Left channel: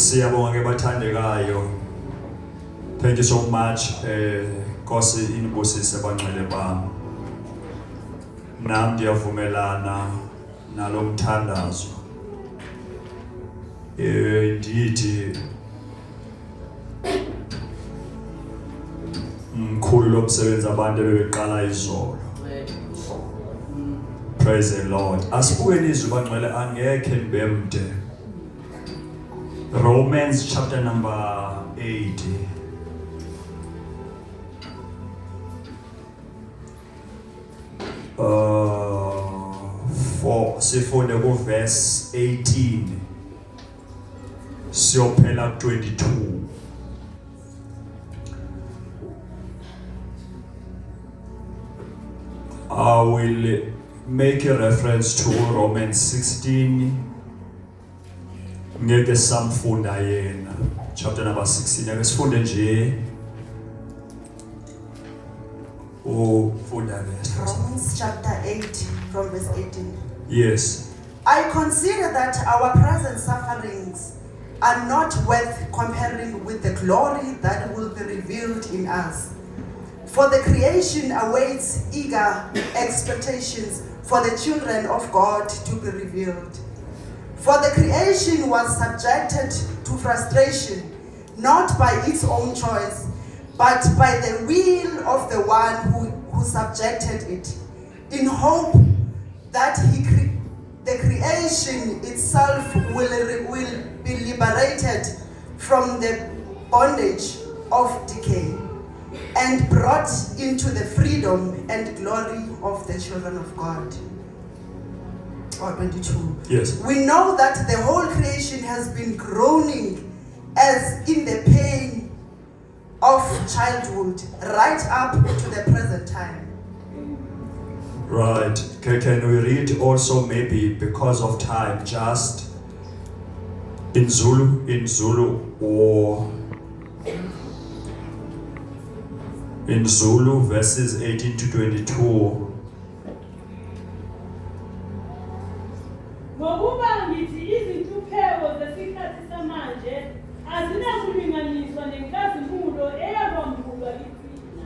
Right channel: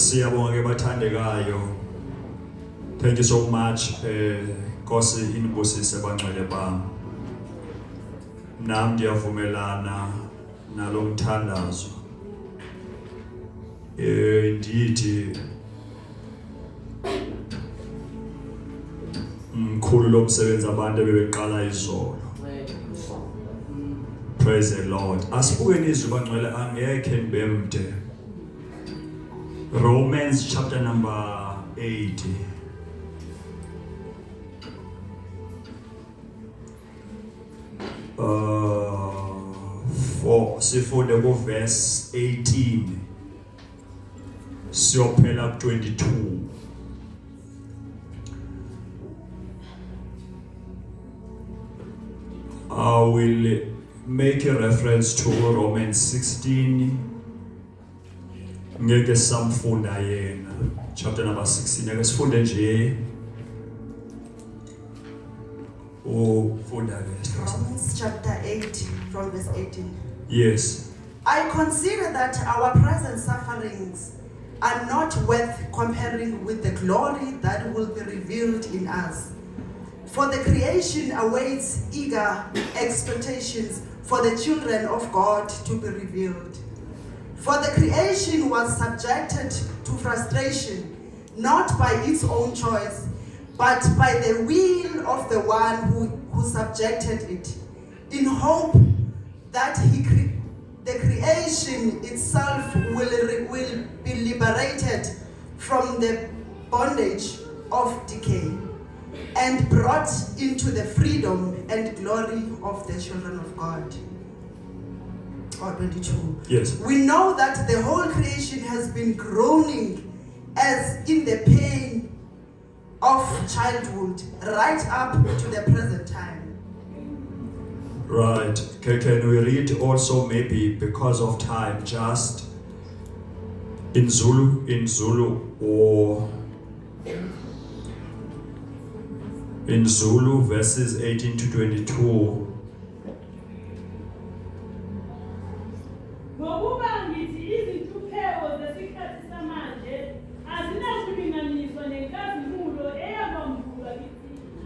Siyabonga ke bathandekayo. Thank you so much. Nkosi inibusise bangcwele bami. Nami ndiyavumelana nalomthandazo. Ndithi mkhulu lomsebenzi abantu bebeqala izolo. Praise the Lord. Asibukeni izwi bangcwele angekhe nibemde. Romans chapter number 8. Sifunde ku verse 18 siyophela ku 22. I will make a reference to Romans 16. Ngeke samfunda yena chapter number 16 ake sifunde nje Romans chapter 8 from verse 18. Yes. I consider that our present sufferings are not worth comparing with the glory that will be revealed in us. For the creation awaits eager expectations for the children of God to be revealed. For the creation was subjected to frustration, not by its own choice, but by the will of the one who subjected it, in hope that the creation itself will be liberated from the bondage of decay and brought into the freedom and glory of the children of God. 22. Yes. We know that the whole creation has been groaning as in the pain of childhood right up to the present time. Right. Can we read also maybe because of time just in Zulu or in Zulu verses 18 to 22. Ngokuba ngithi izintupheko zesikhathi samanje azinakulinganiswa nenkazimulo eyakwambulwa kithina.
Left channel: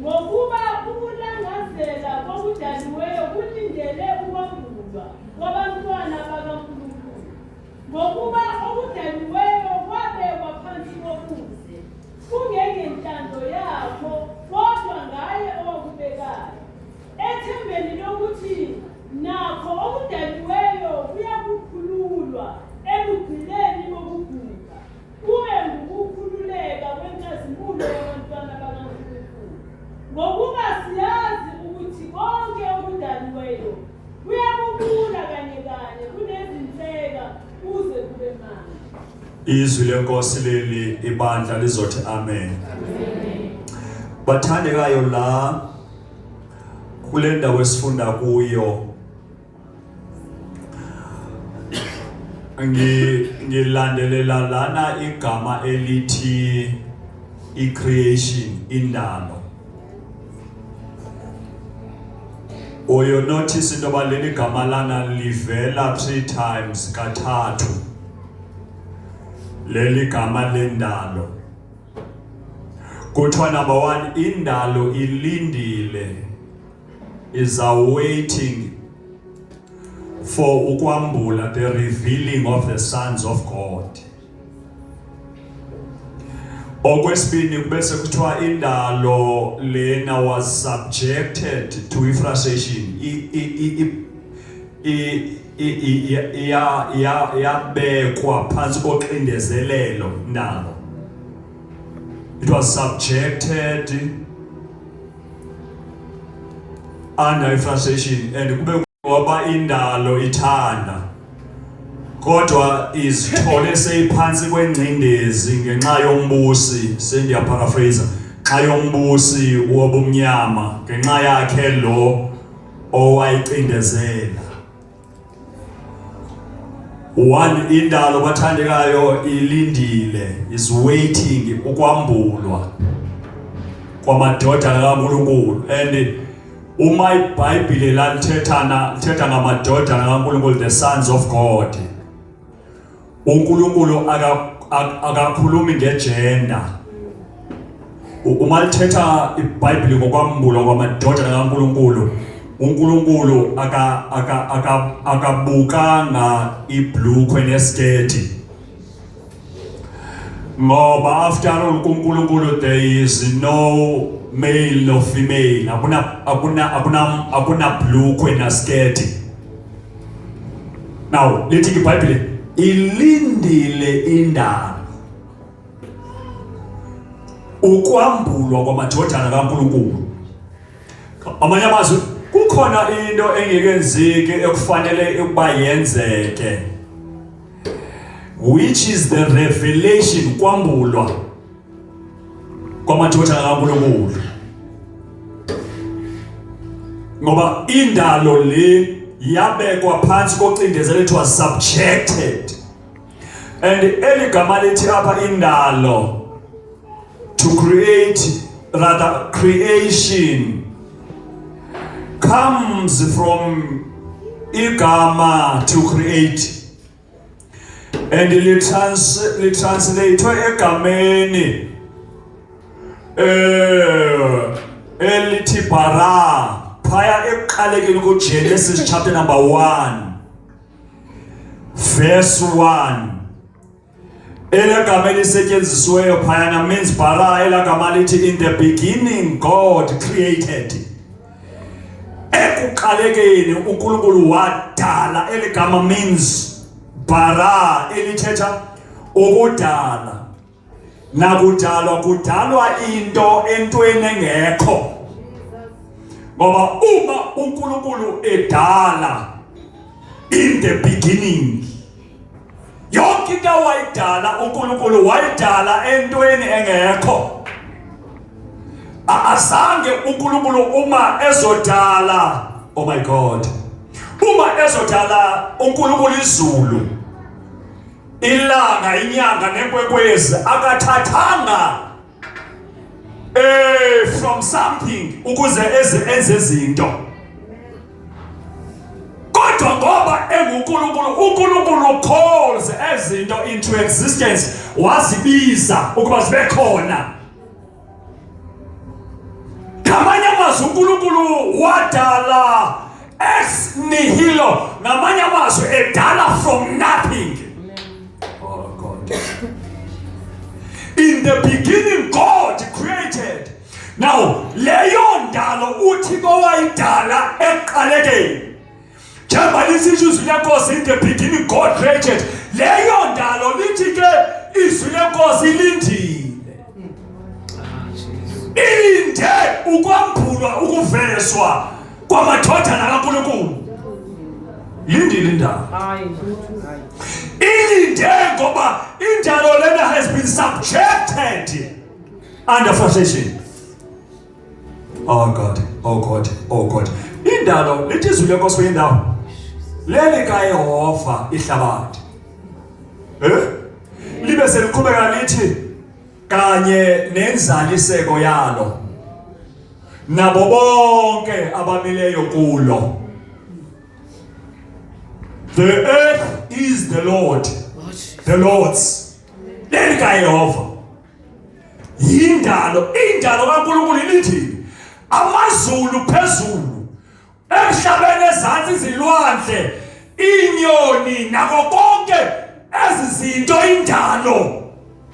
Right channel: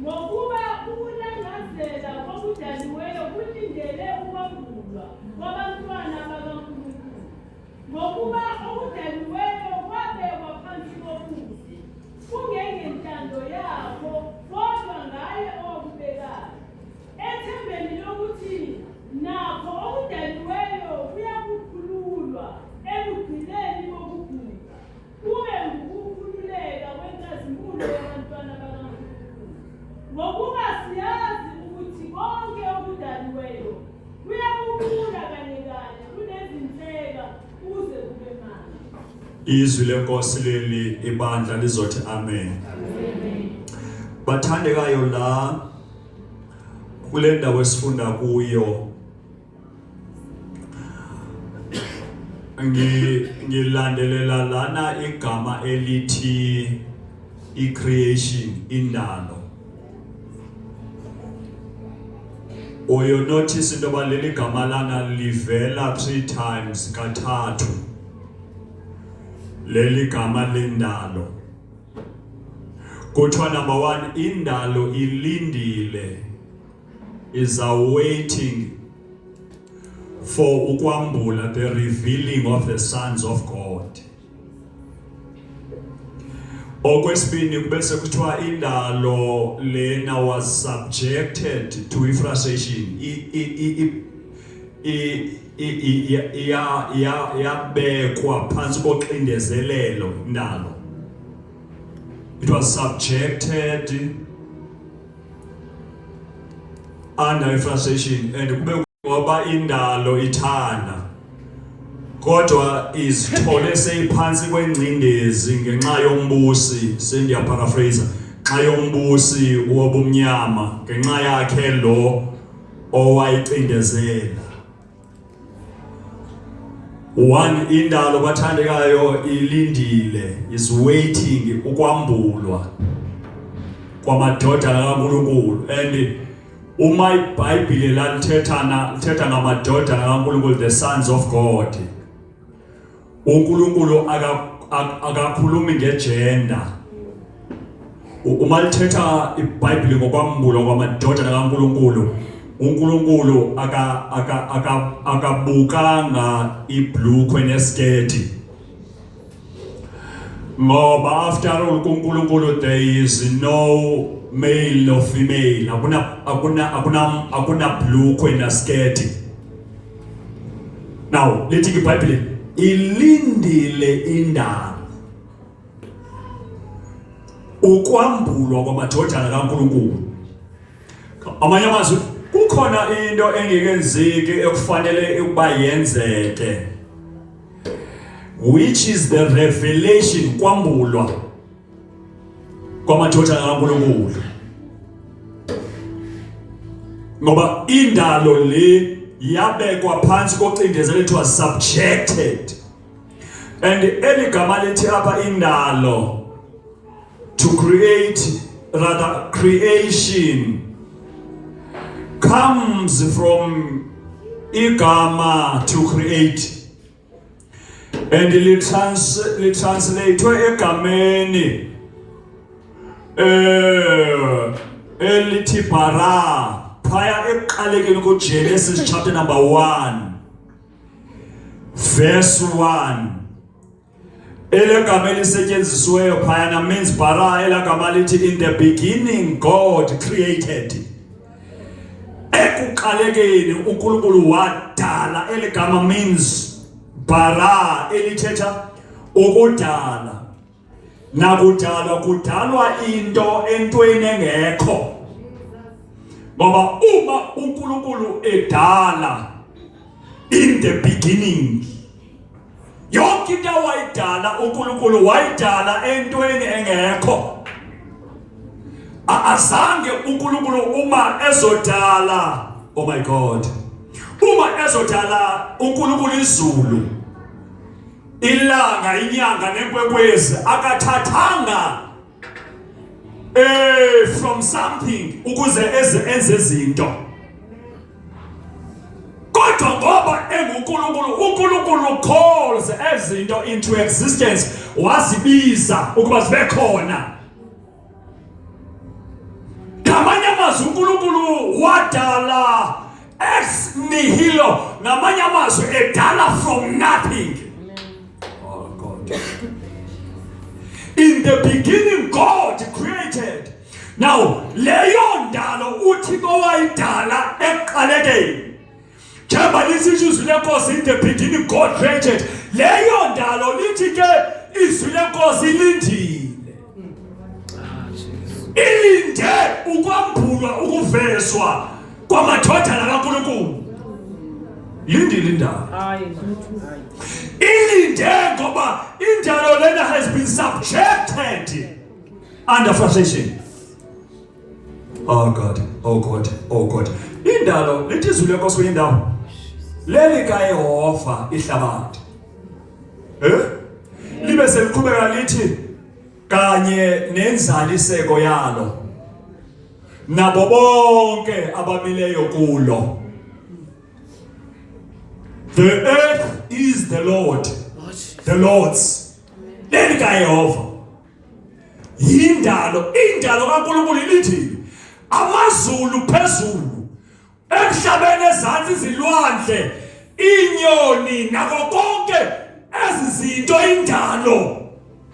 Ngokuba ukulangazela kokudaliweyo kulindele ukwambulwa kwabantwana bakaNkulunkulu. Ngokuba okudaliweyo kwabekwa phansi kobuze, kungengenhlando yakho kodwa ngaye owakubekayo. Ethembeni lokuthi nakho okudaliweyo kuyakukhululwa ebugcineni bokuguga, kube ngukukhululeka kwenkazimulo yabantwana bakaNkulunkulu. Ngokuba siyazi ukuthi konke okudaliweyo kuyakukhula kanye kanye kunezinseka kuze kube manje. Izwi lenkosi leli ibandla lizothi amen. Bathandekayo la kule ndawo esifunda kuyo ngilandelela lana igama elithi i-creation, indalo. Oyo notice into ba leli gama lana livela 3 times kathathu. Leli gama lendalo. Kuthiwa number 1 indalo ilindile, is awaiting for ukwambula, the revealing of the sons of God. Okwesibini kubese kuthiwa indalo lena was subjected to frustration. Yabekwa phansi koxindezelelo indalo. It was subjected under frustration and kube ngoba indalo ithanda kodwa izithole seyiphansi kwengcindezi ngenxa yombusi, sendiya paraphrase, ngenxa yombusi wobumnyama, ngenxa yakhe lo owayicindezela. One, indalo bathandekayo ilindile, is waiting ukwambulwa kwamadoda kaNkulunkulu. And uma iBhayibheli lalithetha ngamadodana kaNkulunkulu, the sons of God, uNkulunkulu akakhulumi ngegender. Uma lithetha iBhayibheli ngokwambulo kwamadodana kaNkulunkulu, uNkulunkulu akabukanga ibhlukwe nesketi. Ngoba after all kuNkulunkulu there is no male no female. Akuna bhlukwe na sketi. Now, lithi iBhayibheli ilindile indalo ukwambulwa kwamadodana kaNkulunkulu. Amanye amazwi kukhona into engekenzeki ekufanele ukuba yenzeke, which is the revelation kwambulwa kwamadodana kaNkulunkulu. Ngoba indalo le yabekwa phansi kocindezelelo it was subjected, and eligama lithi apha indalo to create, rather creation, comes from igama to create, and translate egameni elithi bara phaya ekuqalekeni kuGenesis chapter number 1 verse 1. Elegama elisetyenzisiweyo phayana means bara, elegama lithi in the beginning God created. Ekuqalekeni uNkulunkulu wadala, elegama means bara elithetha ukudala. Nakudalwa kudalwa into entweni engekho. Ngoba uma uNkulunkulu edala in the beginning, yonke into wayidala uNkulunkulu wayidala entweni engekho. Azange uNkulunkulu uma ezodala, oh my God, uma ezodala uNkulunkulu izulu, ilanga, inyanga nenkwenkwezi, akathathanga from something ukuze enze izinto. Kodwa ngoba enguNkulunkulu, uNkulunkulu calls ezinto into existence, wazibiza ukuba zibe khona. Ngamanye amazwi uNkulunkulu wadala ex nihilo, ngamanye amazwi edala from nothing. Oh God. In the beginning God created. Now leyo ndalo uThixo wayidala ekuqalekeni. Njengoba lisizwe lenkosi, in the beginning God created. Leyo ndalo lithi ke izwi lenkosi lindile. Ilinde ukwambulwa, ukuvezwa kwamadodana kaNkulunkulu. Yindile indaba. Ilinde ngoba indalo lena has been subjected under frustration. Oh God, oh God, oh God. Indalo lithi izwi lenkosi kwendawo leli kaYehova ihlabathi. Libe seliqhubeka lithi kanye nenzaliseko yalo nabo bonke abamileyo kulo. The earth is the Lord, the Lord's. Leli kaYehova yindalo, indalo kaNkulunkulu lithi amazulu phezulu, emhlabeni ezantsi izilwandle, inyoni nako konke ezizinto, indalo,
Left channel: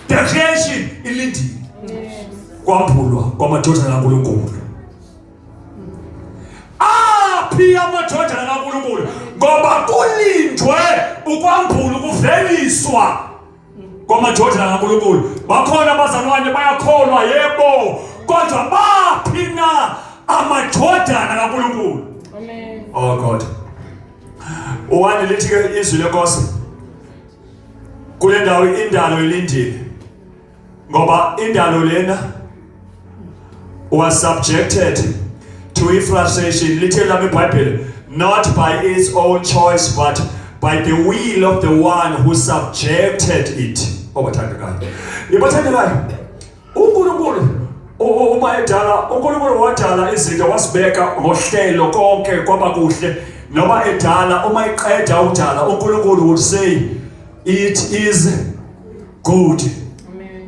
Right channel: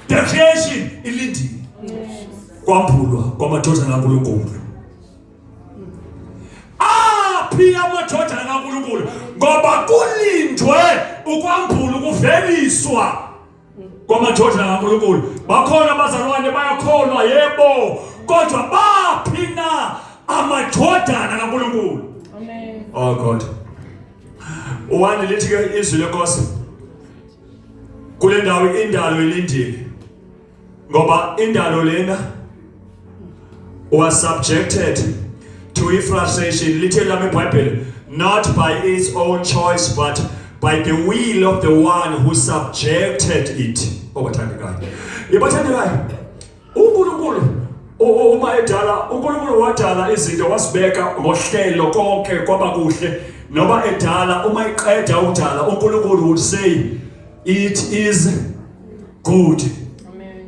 the creation ilindile kwambulwa kwamadodana kaNkulunkulu. Aphi amadodana kaNkulunkulu? Ngoba kulindwe ukwambula, ukuveliswa kwamadodana kaNkulunkulu. Bakhona abazalwane bayakholwa, yebo, kodwa baphi na amadodana kaNkulunkulu? Amen. Oh God. Uwani lithi ke izwi lenkosi kule ndawo indalo ilindile, ngoba indalo lena was subjected to frustration. Lithi lami iBhayibheli, not by its own choice but by the will of the one who subjected it. Obathandekayo, ibathandekayo, uNkulunkulu uma edala, uNkulunkulu wadala izinto wasibeka ngohlelo konke kwaba kuhle. Noma edala, uma iqeda ukudala, uNkulunkulu would say it is good.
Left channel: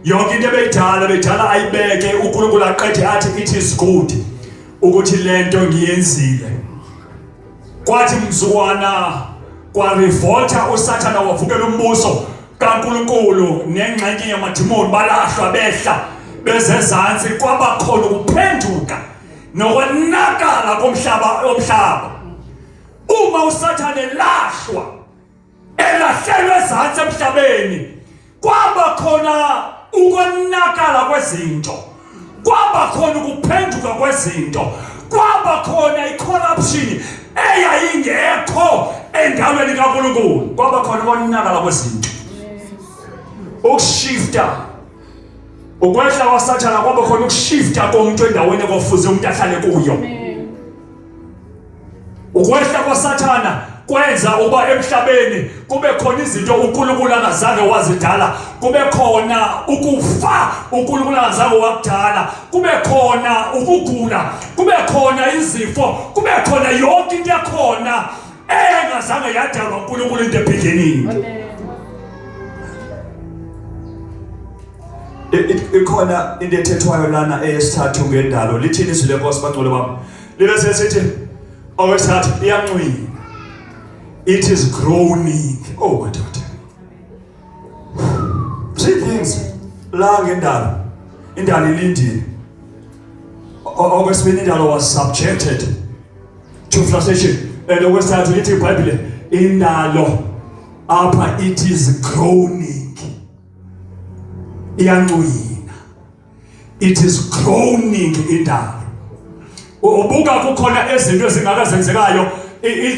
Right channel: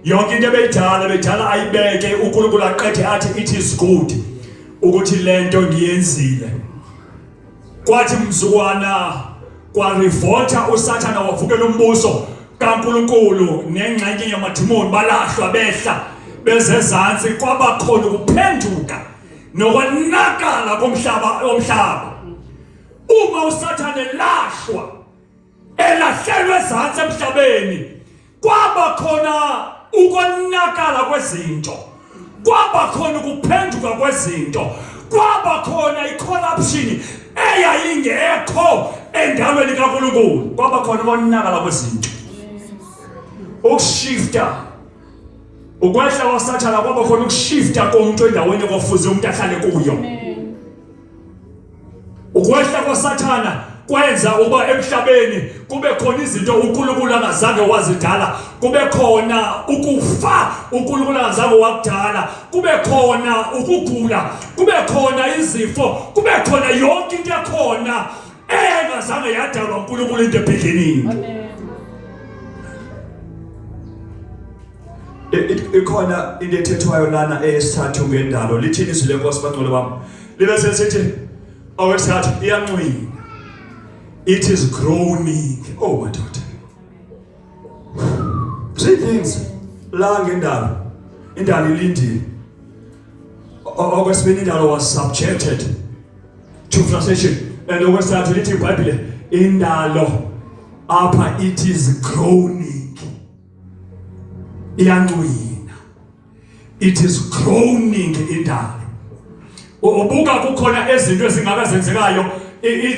Yonke into beyidala ayibeke uNkulunkulu aqethe athi it is good ukuthi lento ngiyenzile. Kwathi mzukwana kwa revolta uSathana wavukela umbuso kaNkulunkulu nengxenye yamadimoni balahlwa behla bezezantsi kwabakhona ukuphenduka nokwanakala komhlaba. Uma uSathane lahlwa elahlelwe ezantsi emhlabeni kwaba khona ukwanakala kwezinto, kwaba khona ukuphenduka kwezinto, kwaba khona icorruption eyayingekho endalweni kaNkulunkulu, kwaba khona ukwanakala kwezinto. Ukushifta ukwehla kwaSathana kwaba khona ukushifta komuntu endaweni kofuze umuntu ahlale kuyo. Ukwehla kwaSathana kwenza uba emhlabeni kube khona izinto uNkulunkulu angazange wazidala, kube khona ukufa uNkulunkulu angazange wakudala, kube khona ukugula, kube khona izifo, kube khona yonke into ekhona engazange yadalwa uNkulunkulu in the beginning. Ikhona into ethethwayo lana eyesithathu ngendalo, lithini izwi leNkosi bangcwele bami? Libe sesithi awesithathu iyanqwina. It is groaning. Oh my daughter. 3 things. La ngendalo. Indalo ilindile. Okwesibini indalo was subjected to frustration. And okwesithathu lithi iBhayibhile indalo apha it is groaning. Iyanqwina. It is groaning indalo. Ubuka kukhona ezinto ezingakazenzekayo.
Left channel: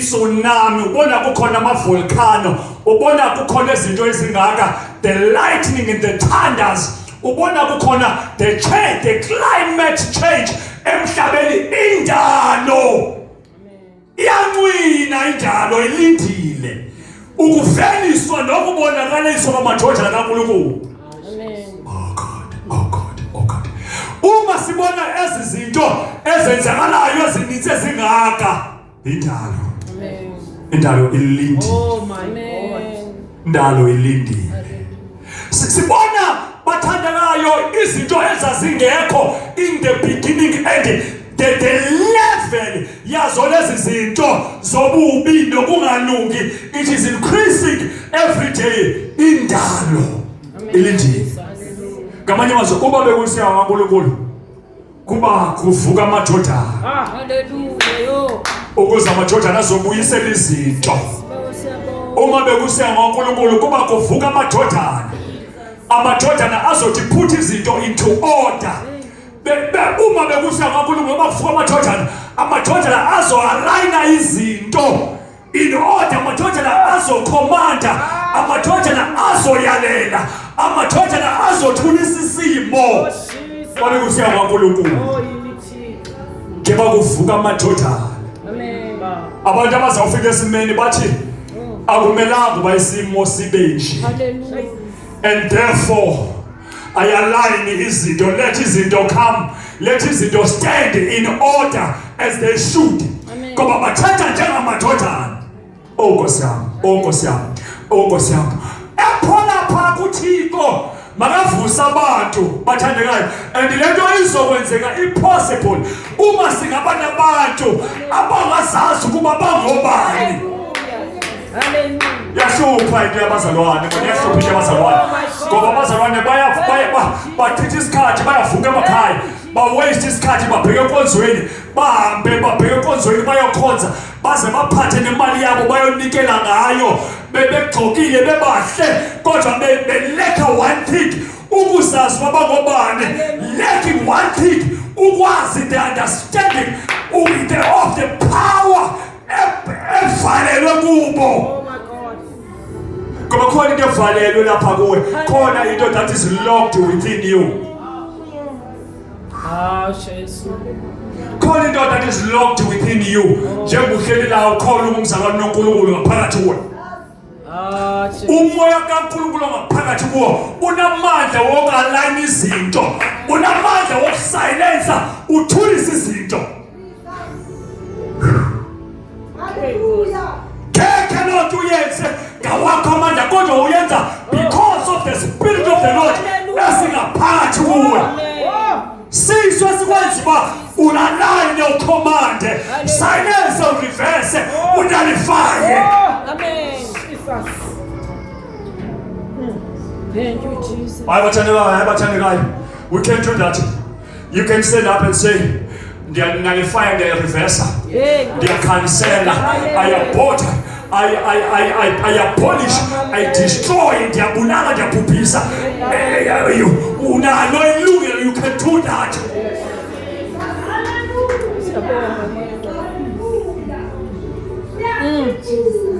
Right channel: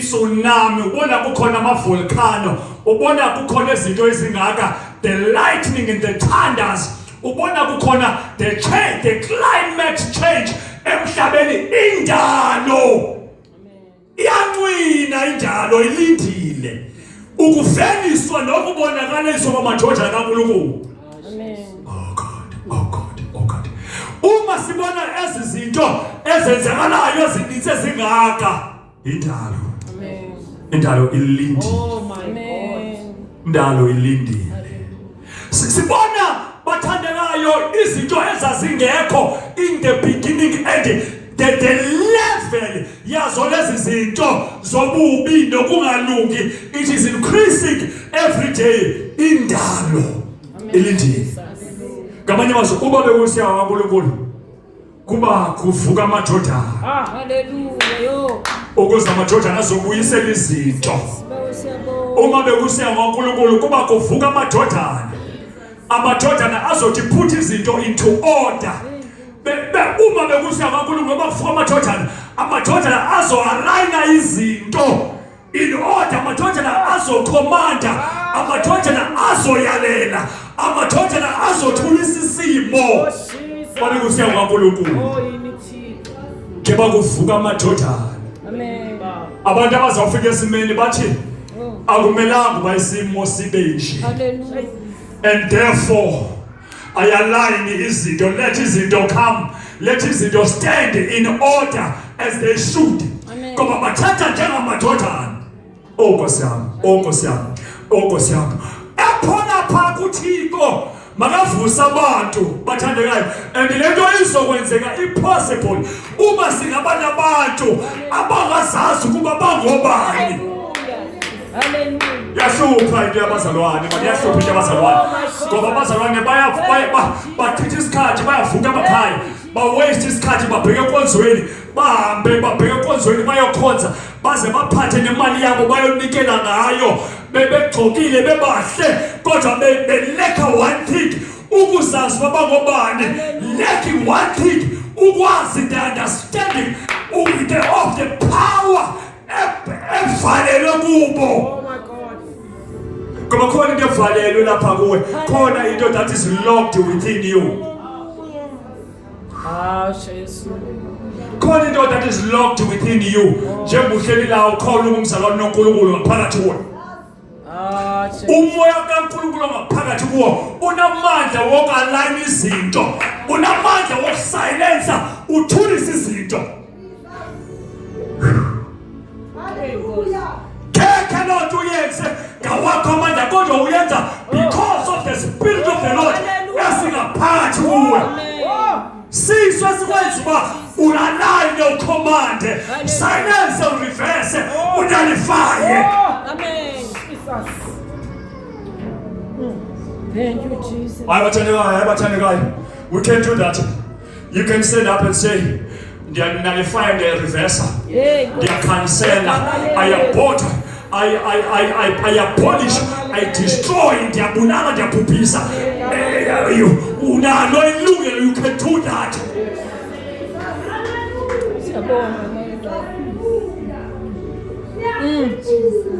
Tsunami, ubona kukhona ama-volcano, ubona kukhona izinto ezingaka, the lightning and the thunders, ubona kukhona the climate change emhlabeni. Indalo iyanqwina, indalo ilindile ukuveliswa nokubonakaliswa kwamadodana kaNkulunkulu. Oh God. Uma sibona ezi zinto ezenzakalayo ezininzi ezingaka, indalo ilindile. Oh my God. Indalo ilindile. Sibona bathandanayo izinto ezazingekho in the beginning and the level yazo lezi zinto zobubi nokungalungi, it is increasing every day. Indalo ilindile. Ngamanye amazwi uma bekusiya kaNkulunkulu kuba kuvuka amadodana. Hallelujah. Ukuze amadodana azobuyisela izinto. Uma bekusiya kaNkulunkulu kuba kuvuka amadodana azothi put izinto into order. Uma bekusiya kaNkulunkulu bakuvuka amadodana azo-aligna izinto in order. Amadodana azokhomanda, amadodana azoyalela, amadodana azothulisa isimo. Uma bekusiya kaNkulunkulu keba kuvuka amadodana. Abantu abazawufika esimeni bathi akumelanga uba isimo sibe nje. And therefore I align izinto, let izinto come, let izinto stand in order as they should. Ngoba bathatha njengamadodana. Nkosi yami. Ephona pha kuThixo makavusa abantu bathandekayo, and lento izokwenzeka impossible uma singaba nabantu abangazazi ukuba bangobani. Yahlupha into yabazalwane, yahlupha into yabazalwane. Ngoba abazalwane bachitha isikhathi, bayavuka emakhaya, ba-waste isikhathi, babheke enkonzweni, bahambe babheke enkonzweni bayokhonza, baze baphathe nemali yabo bayonikela ngayo, begcokile bebahle, kodwa belekha one thing, ukuzazi babangobani, lacking one thing, ukwazi the understanding of the power evalelwe kubo. Oh my God. Ngoba khona into evalelwe lapha kuwe, khona into that is locked within you. Jesus. Khona into that is locked within you. Njengoba uhleli la ukhona umzalwane noNkulunkulu ngaphakathi kuwe. Umoya kaNkulunkulu ngaphakathi kuwo unamandla wokualign izinto, unamandla wokusilencer, uthulisa izinto. Keke lonto uyenze ngawakho amandla kodwa uyenza because of the spirit of the Lord esingaphakathi kuwe. Siswe sikwenza uba unaline ucommande, silence ureverse, unalifye. Amen. Jesus. Thank you, Jesus. Abathandekayo, we can do that. You can stand up and say, ndiyalifya, ndiyareverse, ndiyakhansela, I abort, I abolish, I destroy, ndiyabulala, ndiyabhubhisa. Unalo ilungelo, you can do that.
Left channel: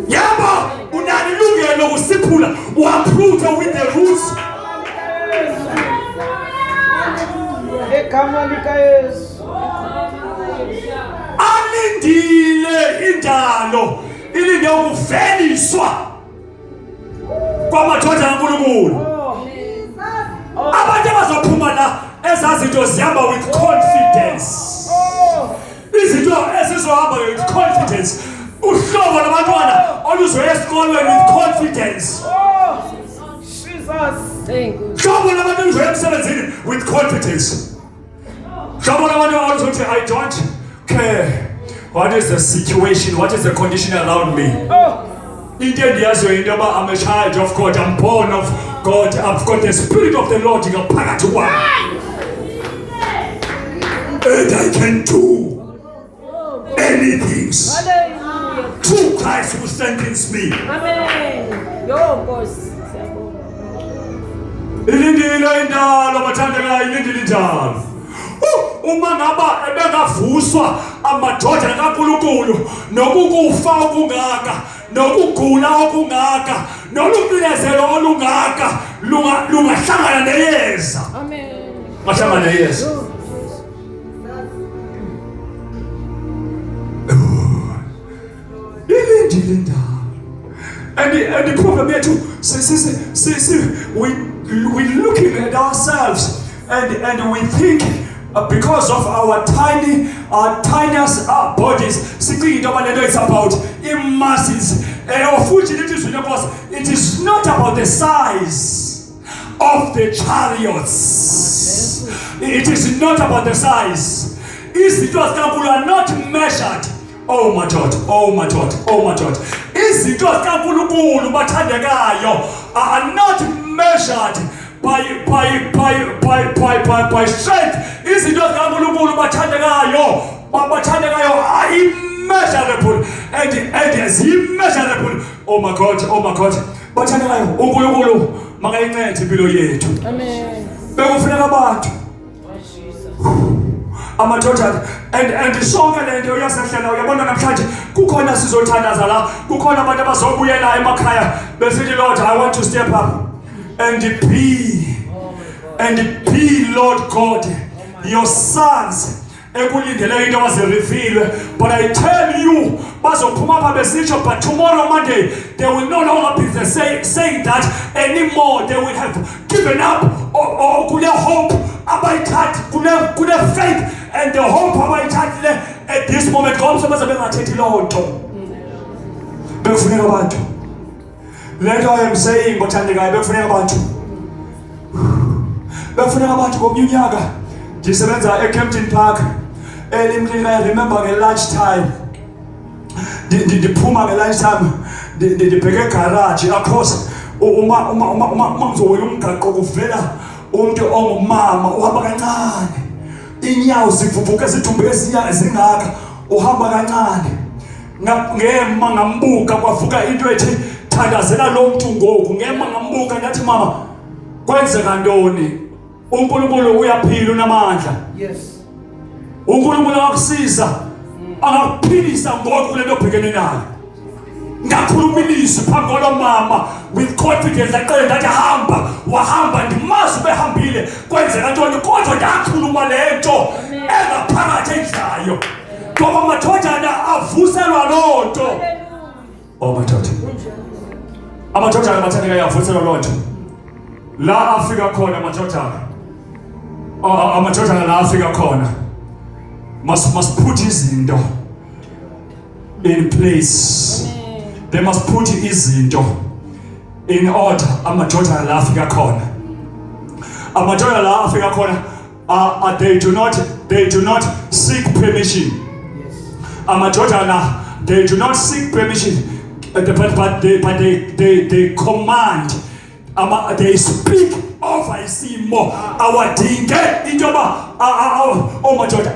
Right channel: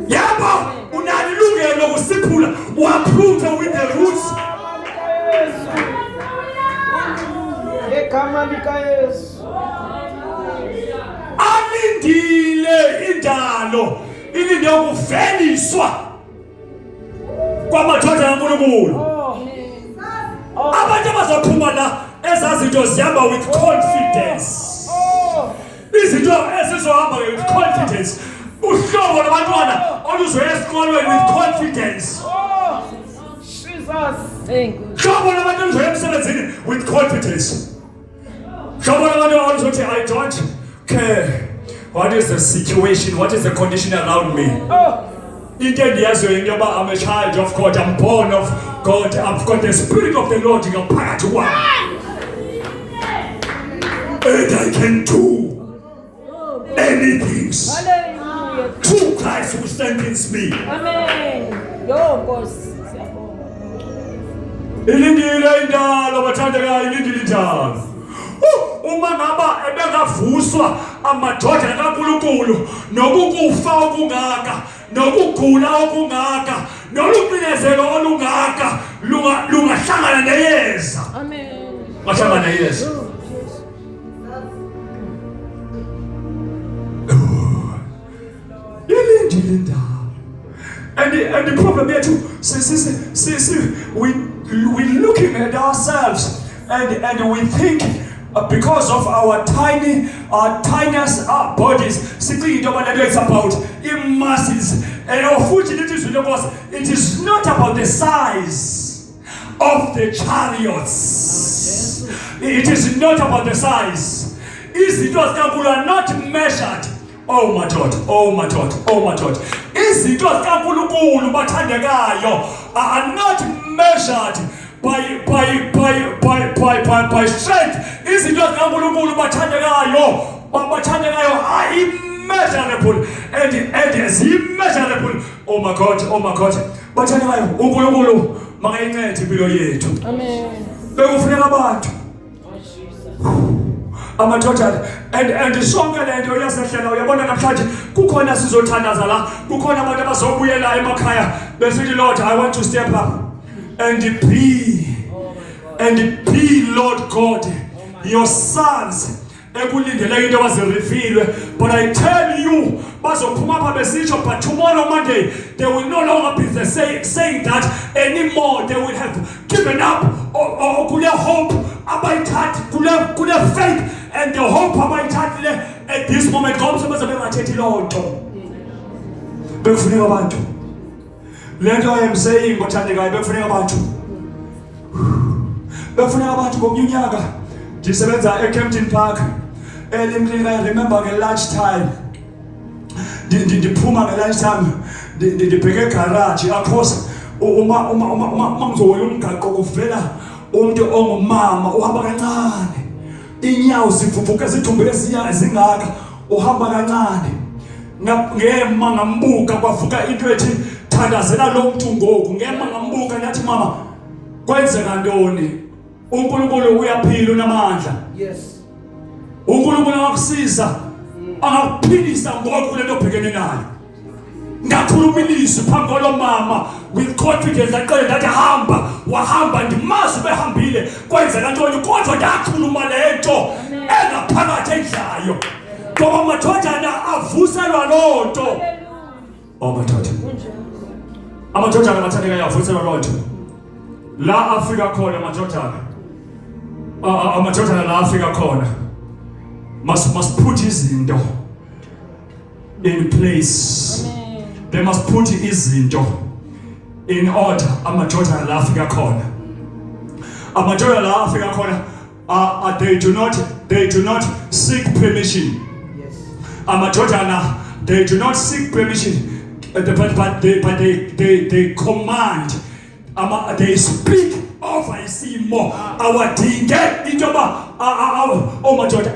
Yebo, unalo ilungelo lokusiphula, uapprove with the roots. Egama lika Yesu. Alindile indalo ilinde ukuveliswa kwamadoda kaNkulunkulu. Abantu abazophuma la ezazinto zihamba with confidence. Izinto ezizohamba with confidence. Uhlobo labantwana oluzoya esikolweni with confidence. Jesus. Thank you. Uhlobo labantu oluzoya emsebenzini with confidence. Uhlobo labantu oluzothi I don't care what is the situation, what is the condition around me. Into endiyaziyo into yoba I'm a child of God, I'm born of God, I've got the spirit of the Lord ngaphakathi kwami. And I can do anything Hallelujah. through Christ who strengthens me. Amen. Yo, Nkosi. Siyabonga. Ilindile indalo bathandekayo, ilindile indalo. Uma ngaba ebengavuswa amadoda kaNkulunkulu nokukufa okungaka, nokugula okungaka, nolucinezelo olungaka, lungahlangana neyeza. Amen. Mahlangana neyeza. Ilindile indalo. And the problem here too, we're looking at ourselves and we think because of our tiniest bodies, it's about masses. And it is not about the size of the chariots. It is not about the size. Izinto are not measured. Oh my God, oh my God, oh my God. Izinto zikaNkulunkulu bathandekayo are not measured by strength. Izinto zikaNkulunkulu bathandekayo are immeasurable and is immeasurable. Oh my God, oh my God. Bathandekayo, uNkulunkulu makayincede impilo yethu. Amen. Bekufuneka abantu. Amadoda and sonke lento uyasehlela uyabona namhlanje kukhona sizothandaza la kukhona abantu abazobuyela emakhaya besithi Lord I want to step up and be Lord God your sons ekulindele into abazirifilwe. But I tell you bazophuma apha besitsho but tomorrow Monday they will no longer be the saying that anymore. They will have given up or kule hope abayithathi kule faith and the hope abayithathile at this moment. Ngoba sebenza bengathethi loo nto bekufuneka abantu lento I am saying bathandekayo bekufuneka abantu ngomnyaka ndisebenza eCampton Park elimini. I remember nge-lunch time ndiphuma nge-lunch time ndibheke egarage akhosa uma ngizowela umgaqo kuvela umuntu ongumama uhamba kancane, inyawo zivuvuka zidumbuke ezingaka, uhamba kancane. Ngema ngambuka kwavuka into ethi thandazela lo muntu ngoku. Ngema ngambuka ngathi mama kwenzeka ntoni? uNkulunkulu uyaphila unamandla. Yes. uNkulunkulu akusiza angakuphilisa ngoku lento obhekene nayo. Ngakhuluma ilizwi phambi kwalomama with confidence aqale ndathi hamba, wahamba ndimazi behambile kwenzeka ntoni, kodwa ndakhuluma lento engaphakathi endlayo ngoba amathojana avuselwa loo nto. Amathojana amathandekayo avuselwa loo nto. La afika khona amathojana la afika khona must put izinto in place. They must put izinto in order amadoda la afika khona. Amadoda la afika khona they do not seek permission. Amadoda they do not seek permission, but they command. They speak over isimo awadinge into yoba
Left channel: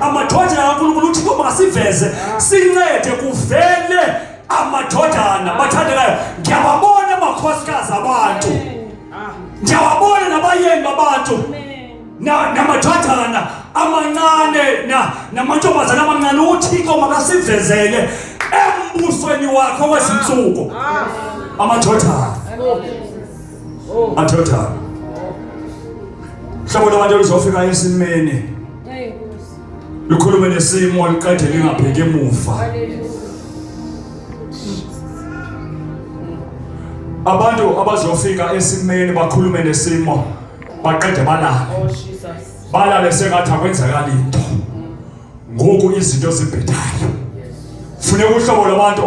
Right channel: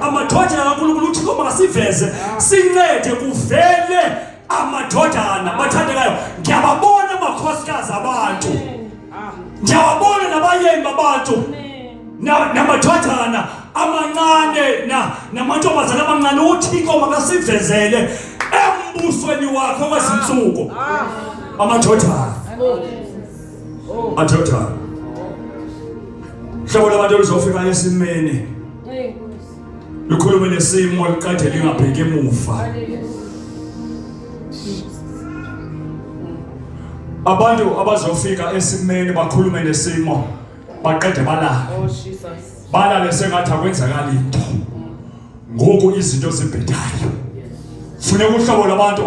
amadoda kaNkulunkulu uThixo masiveze sincede kuvele amadodana bathandekayo. Ngiyababona amakhosikazi abantu, ngiyababona nabayeni babantu namadodana amancane namantombazana amancane uThixo makasivezele embusweni wakhe wezinsuku. Amadodana Atota. Hlobo labantu luzofika esimeni. Lukhulume nesimo liqede lingabheki emuva. Abantu abazofika esimeni bakhulume nesimo baqede balala. Balale sengathi akwenzakala into. Ngoku izinto zibhedayo. Funeka uhlobo labantu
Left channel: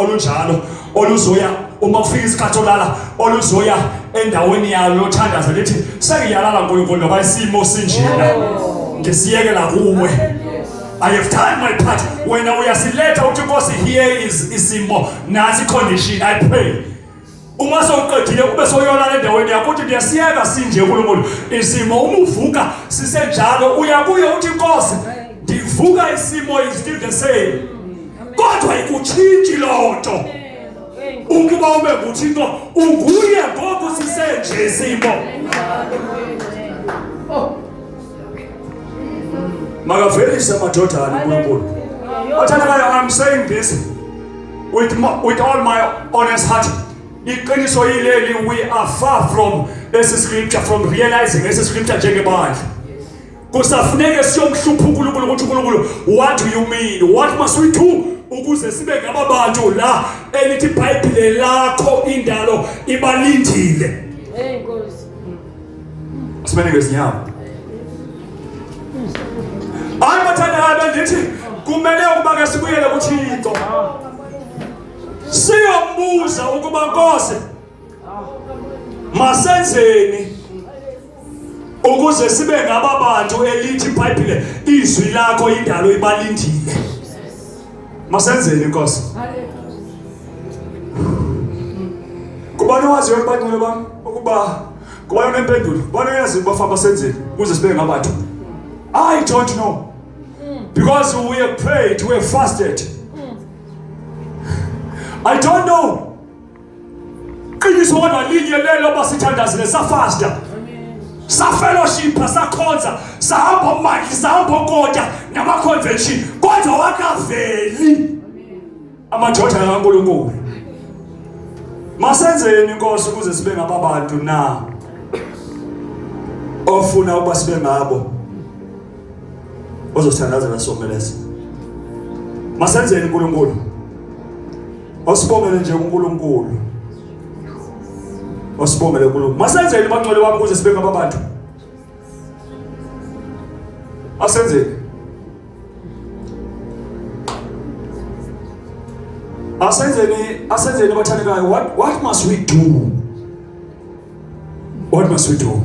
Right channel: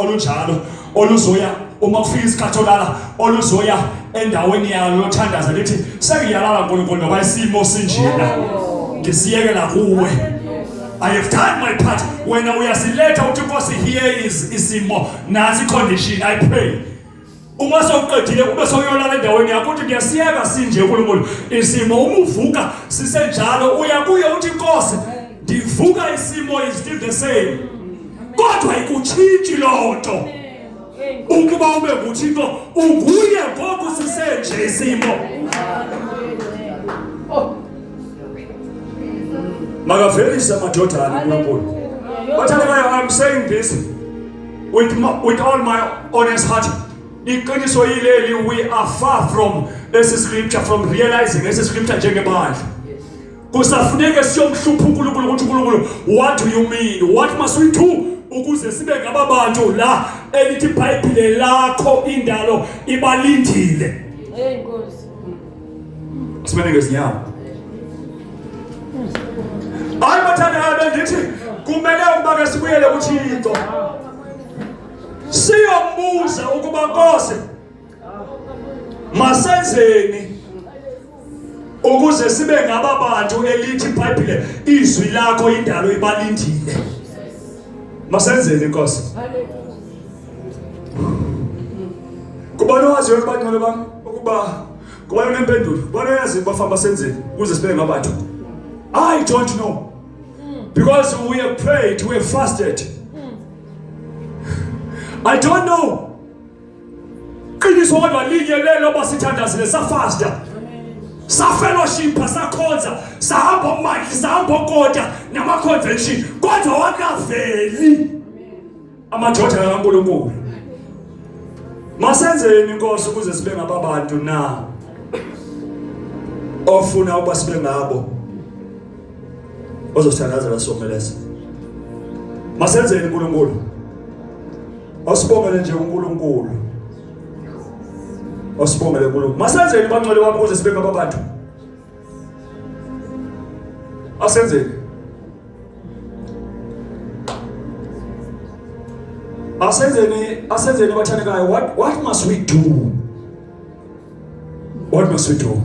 olunjalo oluzoya uma kufika isikhathi olala oluzoya endaweni yayo yothandaza lithi sekuyalala uNkulunkulu ngoba isimo sinjena ngisiyekela kuwe. I have done my part. Wena uyasiletha uthi Nkosi here is isimo nasi condition. I pray uma sowuqedile ube soyolala endaweni yakho uthi ngiyasiyeka sinje uNkulunkulu isimo. Uma uvuka sisenjalo uya kuye uthi Nkosi ndivuka isimo is still the same. Kodwa ikutshintshi lonto. Ukuba ube nguThixo unguye ngoku sisenje isimo. Makavelisa amadodana uNkulunkulu. I'm saying this with all my honest heart. Iqiniso yileli, we are far from this scripture, from realizing this scripture njengebandla. Kusafuneka siyomhlupha uNkulunkulu ukuthi uNkulunkulu, what do you mean? What must we do ukuze sibe ngababantu la elithi iBhayibheli lakho indalo ibalindile? Nkosi. Simenike izinyawo. Hayi bathandana bendithi kumele ukuba ke sibuyele kuThixo. Siyombuza ukuba Nkosi masenzeni ukuze sibe ngababantu elithi iBhayibheli izwi lakho indalo ibalindile. Masenzeni Nkosi. Kubani wazi yonke bami ukuba kuba unempendulo. Kubani yazi bafana basenzeni ukuze sibe ngabantu? I don't know. Because we have prayed, we have fasted. I don't know. Qiniso kodwa linye lelo basithandazile safasta. Sa fellowship sakhonza, sahamba manje, sahamba kodwa nama convention. Kodwa wakaveli. Amadoda kaNkulunkulu. Masenzeni Nkosi ukuze sibe ngababantu na ofuna ukuba sibe ngabo. Ozothandazela someleza. Masenzeni uNkulunkulu. Osibongele nje uNkulunkulu. Osibongele uNkulunkulu. Masenzeni bangcwele wami ukuze sibe ngababantu. Asenzeni. Asenzeni abathandekayo. What must we do? What must we do?